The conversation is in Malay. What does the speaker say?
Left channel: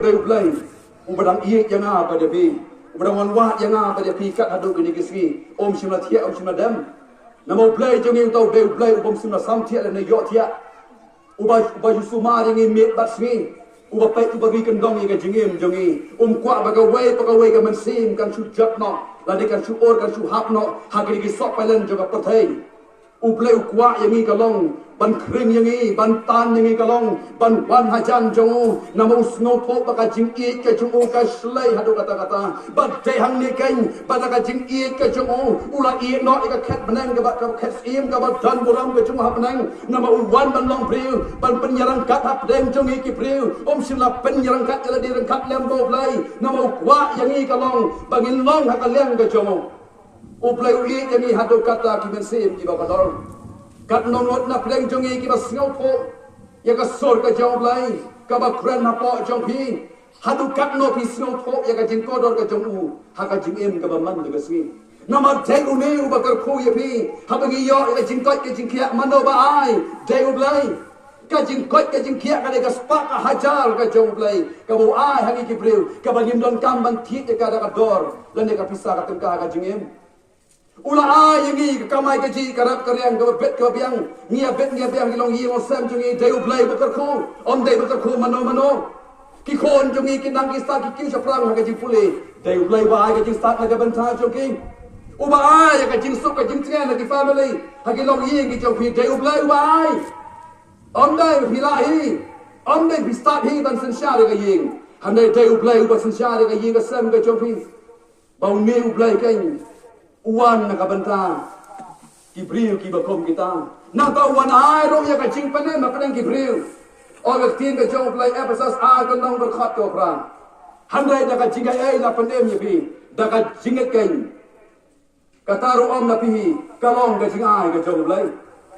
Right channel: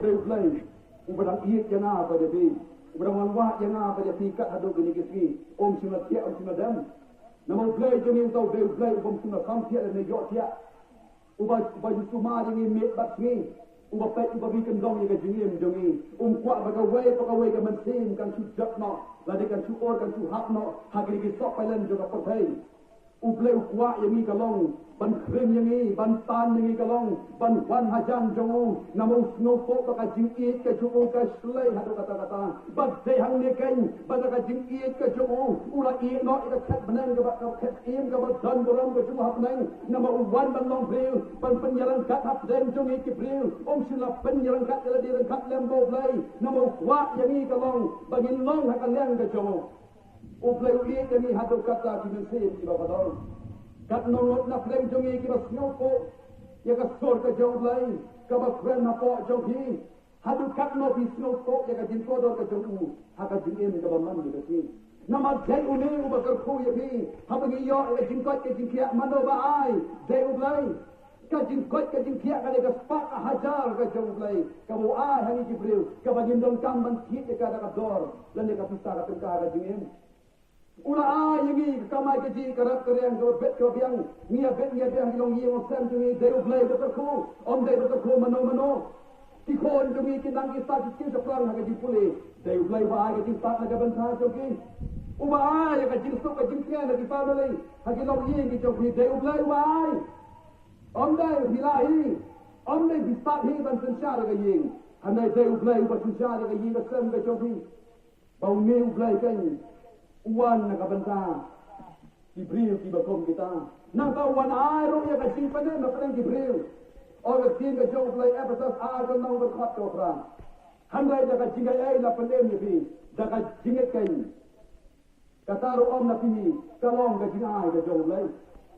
Play ubadang iik yang apa dia pi ubadang wanwat yang apa dia pi kat haduk gini kisgi om simna thia om simna dam namo play jongi tau de play om simna sam thia le yo thia uba yusuma yang met bat smi uba pai uba gi kendong yang jengim jongi kwa bagawai ka mensim kan su jap no lani kan su or kan su hap no hagini gi sok pailen joka pathai uplay ukwa yang i kalong ban kring yang i ban tan yang i kalong ban wan hajan jongu namo usngo po baka jing i ka jongu ka slay hadu kata-kata ban de hang ni kain baka jing i ka jongu ula i no ka khat benang ka ka khat im ka ban dan buram ka jongu hap benang namo wan ban long priu ban penyerang kat hap dem jongi ki priu sila penyerang kat jala di rengkat lembo play namo kwa yang i kalong bangin long ha ka leng ka jongu uplay i yang i hadu kata ki mensim ki babador kat nongot na pleng jongi ki bas ngau po ya ka sor ka jong play ka ba kren na po jong pi hadu kat no pi ngau po ya ka jing kodor ka jong u ha ka jing em ka ba man de ka sgi nama de u ne u ba kar khu ya pi ha ba gi yo ya jing kot ka jing kia mano ba ai de u play ka jing kot ka jing kia ka de ka spak ka hajar ka jong play ka bu ai ha ki priu ka ba gim don kam ban thi ka da ka dor lan de ka pisa ka tengka ka jing em ula yang ni kamai kaji karap karyang ka bet ka biang nia bet nia biang long yi on sam jungi deu play bakar khu on dei bakar khu mano ki khon jungi ki nang ki sta ki kiu chaprang ka ji pule deu play ba ai ka ji start ka ban tha jungi uba ai ka jing sup ka jing tren ki family ha ki long yi ki jong pi deu play ba ai on dei pi la hi on dei pi start hi ban san sha ka ying han dei deu play ba san sha ka ying ka sam ka jong pi bau meu play kan uan na kabanta kibriu ki bakom kita na ta uan ai ro ya ka jing pane ma padang kibriu o ga tin ka jong play episode a ka nong ber khat ko kran han dai da ka jing ai la pandem ye bi da ka jing kai ka ta ro om na pi ka long ka jing ai ka jong play